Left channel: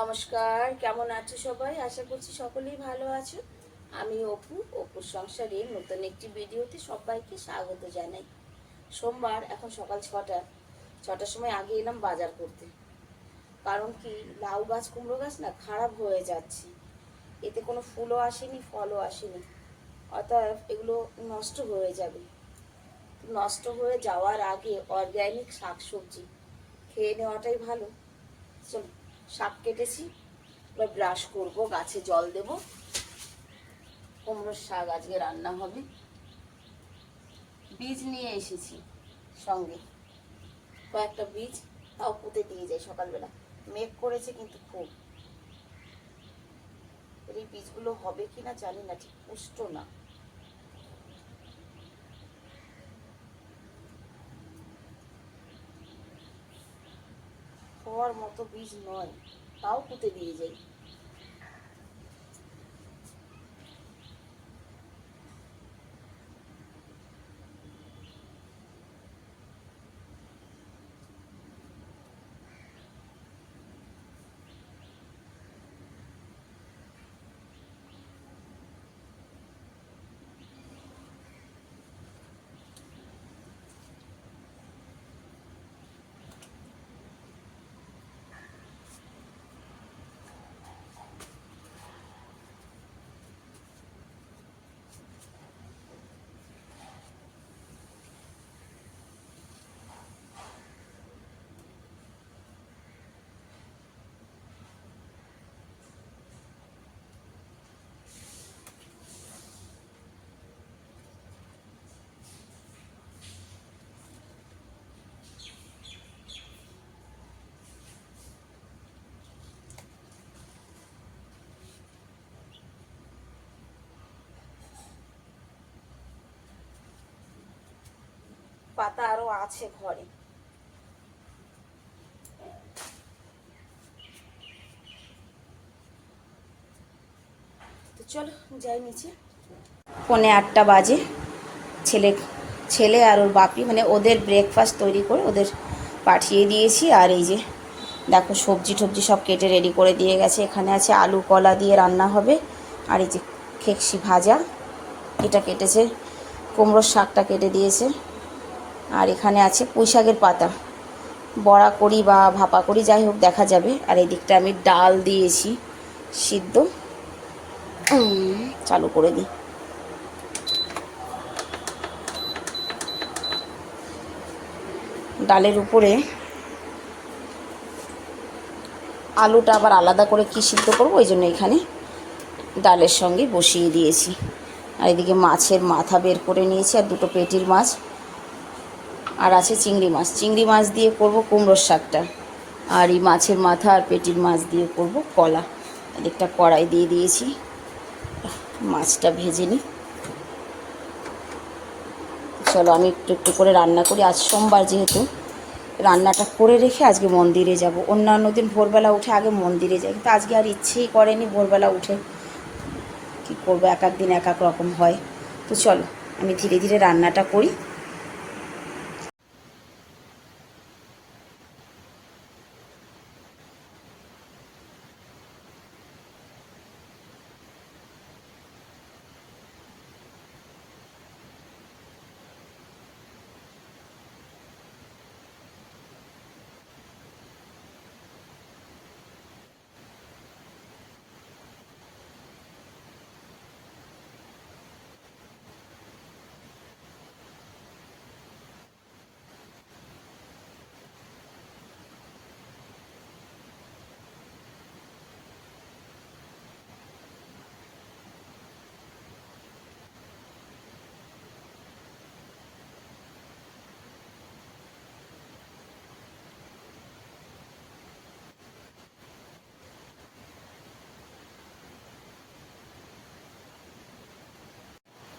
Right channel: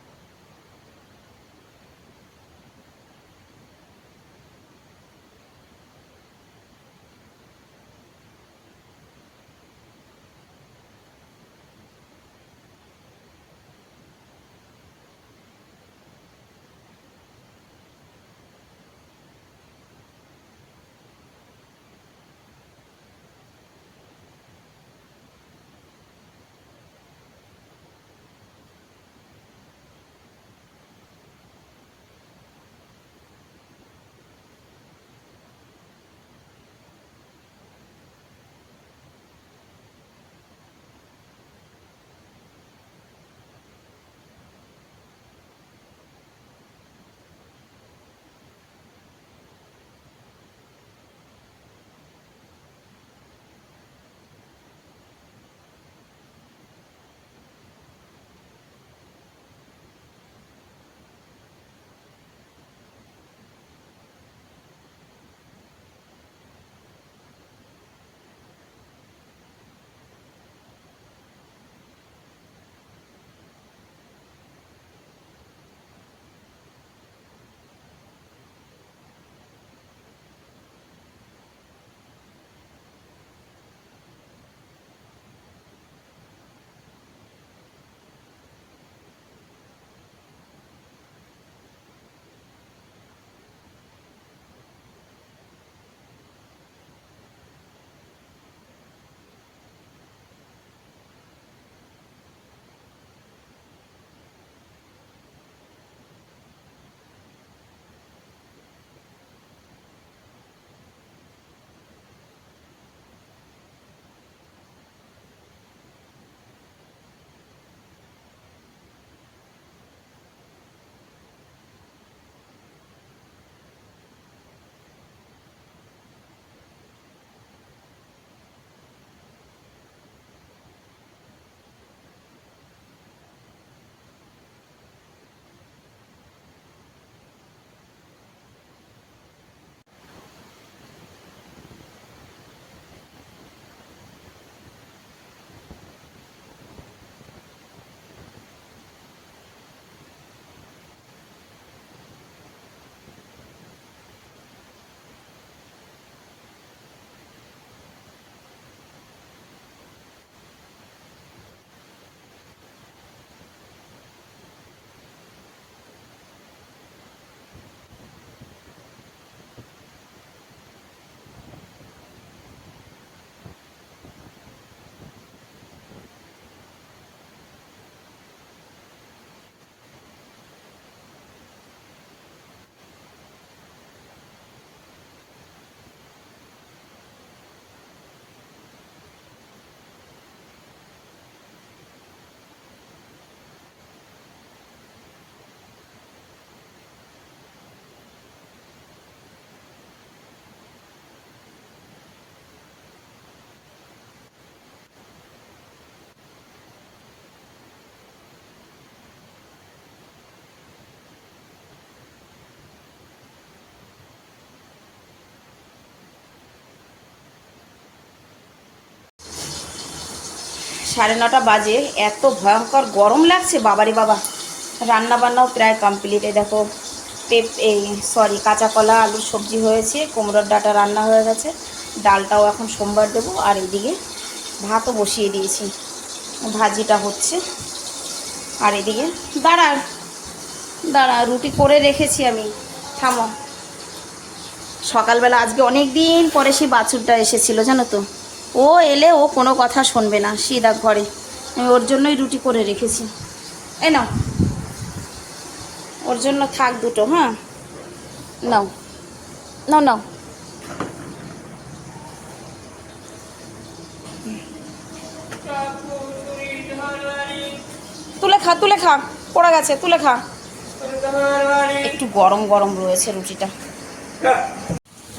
নমস্কার, কেমন আছো সবাই? আশা করছি সকলেই ভালো আছো। আমি অপুর সংসারে নতুন একটি ভিডিওতে সবাইকে স্বাগত জানাই। সোমবার, এখন সকাল 6টার সময় আগে এলাম বাজার করতে। কারণ কি, লাউ গাছ কুমড়ো গাছ না খারাপ হয়ে যাচ্ছে, এতে কোনো ফুলও আসেনি, ফলও আসেনি, অতএব এগুলো নষ্ট হয়ে যাবে। নষ্ট হয়ে যাওয়ার আগে অর্গ্যানিক শাকসবজি খেয়ে নেওয়াটাই ভালো। চল, শাক কেটেছি, এবার ব্রাশ করবো, গাছে জল দেব। কুমড়োর শাক আজকে রান্না হবে। বীজ নিয়ে এসেছি সঙ্গে, কয়েকটা বীজ, তাও পুঁতে দিয়ে যাই সকালবেলা। মেঘ করেছে কিন্তু খুব, এই বীজগুলো হবে কিনা জানি না, ঠিক পুষ্ট না। হওয়ার মতো বীজ নয়, তাও পুঁতে দিয়ে যাই। পাতা আরো আছে ঘরে। তো চলো যাই নিচে। 7:45 বাজে। ছেলে ছেলে আর ওর বাপি, মানে ওদের ব্রেকফাস্ট তৈরি করে ওদের পাঠিয়ে দিয়েছি। আর এই যে দেখো, সবজি টবজি সব কেটে রেডি করে দিয়ে গেছে। এখানে আছে আলু কলা দিয়ে রান্না হবে। আর এই যে খেকসি ভাজা, এটা কেটেছে। কুমড়োর শাকটা কেটে দিয়েছে। আর এখানে আছে পুঁই শাকের পাতা, বড়া করি বা ভাপা করি, যাই হোক দেখা যাবে। আর এই দিকটা আমি ডাল দিয়েছি সিদ্ধ। চালু করে দিই। ডালের উপরে আলুটা আবার আলাদা করে কি সিদ্ধ করবো, ওই জন্য এখানে ডালের সঙ্গে বসিয়ে দিয়েছি। আর এদিকে মাছের মাথা বের করে নিয়েছি, আর দুটো পেটির মাছ, আর আছে চিংড়ি মাছ দিয়ে করব কুমড়োর শাকটা। আর এই মাছের মাথা আর পেটির মাছ দিয়ে করব কলা। এদিকটা কড়াই দিয়ে দিয়েছি, মাছটা ভেজে নিই। চলো আমি একটু একটু করে রান্না করি। আজ সোমবার যেহেতু, রান্নাটা করে রেখে আজকে মন্দিরে যাব। অন্যান্য দিন ভোরবেলা উঠে আগে মন্দিরে যাই, কিন্তু আজকে আর ইচ্ছেই করেনি ভোরবেলা উঠে। কী করবো, এক এক দিন এক এক রকম হয়। তো চলো আমি ধীরে ধীরে রান্নাটা করি। 9:30 বাজে, এত ভয়ঙ্কর গরম লাগছে বাবারে বাবা। রান্না বান্নাও প্রায় কমপ্লিট। এই দেখো, কাঁচা কলা আলুর সবজি হয়েছে, কুমড়োর ডাঁটা রান্না হয়ে গেছে, ডালটাও এখন সোমবার দেবো। আর এদিকে ভাতও বসিয়ে দিয়েছি, ভাজিটা হচ্ছে। আর এদিকে দাঁড়া দাঁড়া রুটি করে রেখেছি আমি, থামো। সকালবেলা আজকে অনেক দিন পরে সেই বাছুরটা এসেছিলো, জানো তো। ও এলে ও কোনো কথা শুনবে না, সিধা ঘরে। আমি ওর জন্যই রুটি করে রেখেছি। এই নাও, ওর জন্য থাক দুটো। হ্যাঁ, নাও নাও নাও। তুলে খা, পড়ে গেছে, তুলে খা। একটু গরম গরম রয়েছে রুটিটা।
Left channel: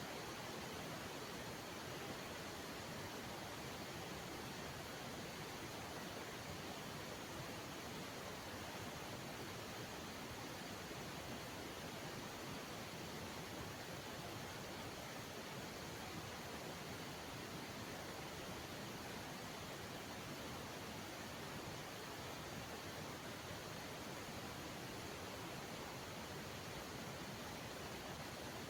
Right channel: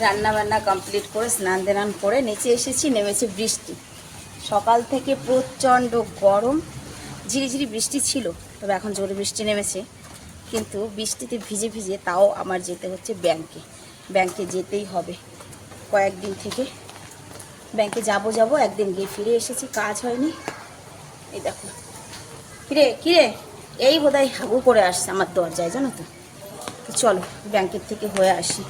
রান্না বান্না কমপ্লিট করে স্নান দেনান করে নিচে এসেছি। নেমেছে বৃষ্টি, সকাল থেকে প্রচণ্ড গরম। ঝিরিঝিরি বৃষ্টি ছিল, তবে এখন জোরে বৃষ্টি নেমেছে। কিন্তু বৃষ্টিতে ভিজে ভিজে তাও আমার যেতে হচ্ছে ব্যাংকে যেতেই হবে। কয়েকদিন থেকে ব্যাংকে যাব, একদিন গিয়ে ফিরে এসেছি, কাজ হয়নি। এই দেখো, কিরে এই বোধহয় হাগু করে আসছে আমার দরজায়, জানো তো। চলো ব্যাংকের থেকে হয়ে আসি।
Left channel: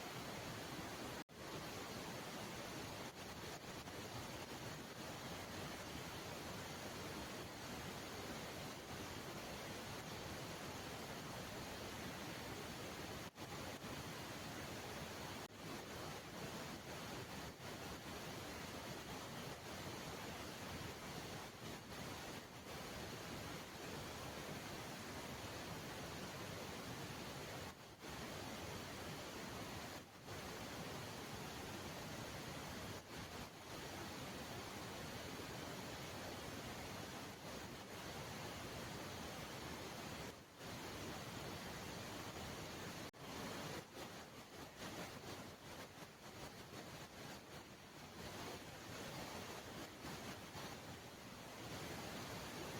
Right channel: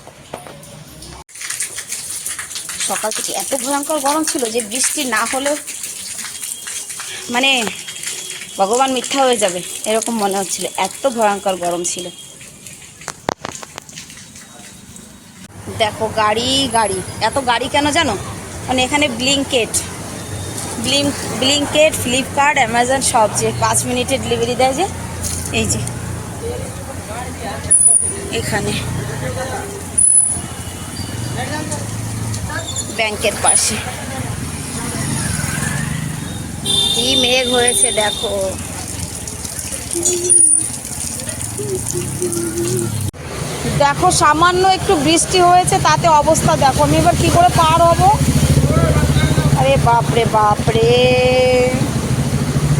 সকাল থেকে এত ভয়ঙ্কর গরম ছিল যে বৃষ্টি না হলেও মানে ভগবান মিথ্যা হয়ে যাবে এরকম মনে হচ্ছিল, এত ভয়ঙ্কর গরম ছিল। দেখো গাড়ি গাড়ি, এত গাড়ি কেন জানো? মানে এখানে ব্লিঙ্কেট, ফ্লিপকার্ট, অ্যামাজন সব যে 5 মিনিটে ডেলিভারি দেয় যে, এই যে এখানে ব্যাংকের পাশে কি মেঘ হয়েছে দেখো। দেখো সামান্য একটু বৃষ্টি হয়েছে তাতে অবস্থা দেখো, আমি এবার কি করে পার হব। আরে বাপরে বাপরে,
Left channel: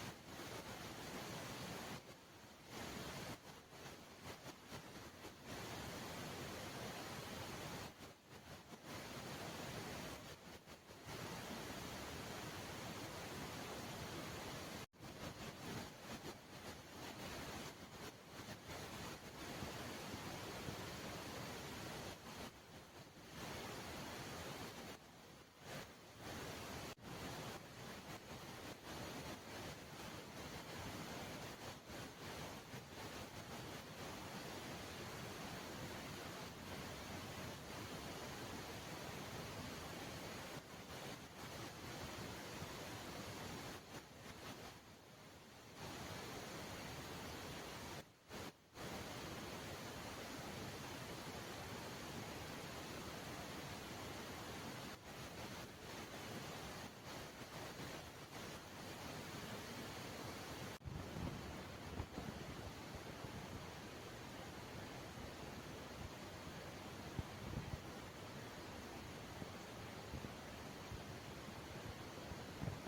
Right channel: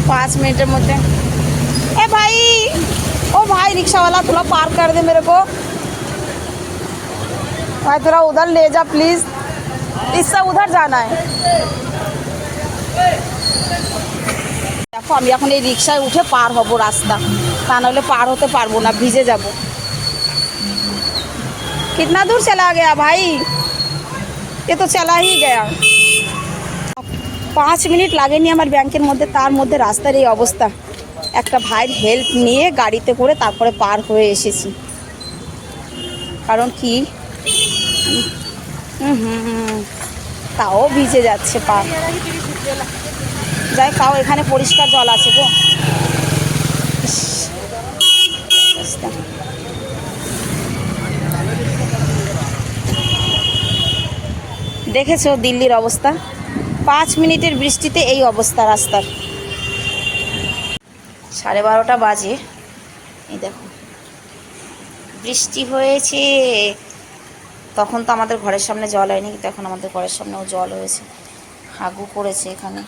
5 मिनट मध्य। ए भाई, ओ भाई रिक्शा वाला थोड़ा पार कर दे मेरे को भाई, थोड़ा उधर ले जा प्लीज, इससे उधर जाना है। देखो আমি এখন এই রিক্সায় উঠে পার হব রাস্তা, তা নাহলে পার হতে পারবো না, ভিজে যাব। कितना दूर चला गया भाई, ये तो चला ही गया। 5 মিনিট লাগেনি আমার ব্যাংকের মধ্যে, তার মধ্যে রাস্তার এই অবস্থা। একটা ভাইয়ের হেল্প নিয়ে গাড়িতে করে তারপরে পার হয়ে এসেছি। কারণ কি তাও ভিজে যাচ্ছে পা। যাই, তাও এখানে পরিষ্কার জল আছে গো। দেখেছো দিল্লির অবস্থা, 5 মিনিটের বৃষ্টিতে এই অবস্থা রাস্তার। 12:30 বাজে, এই দেখো বৃষ্টি হয়েছে। তখন তো আমাদের ঘরের সামনে জল হয়নি, কিন্তু এখন আমাদের ঘরের সামনেও জল হয়েছে, হাগু করেছে এখানে।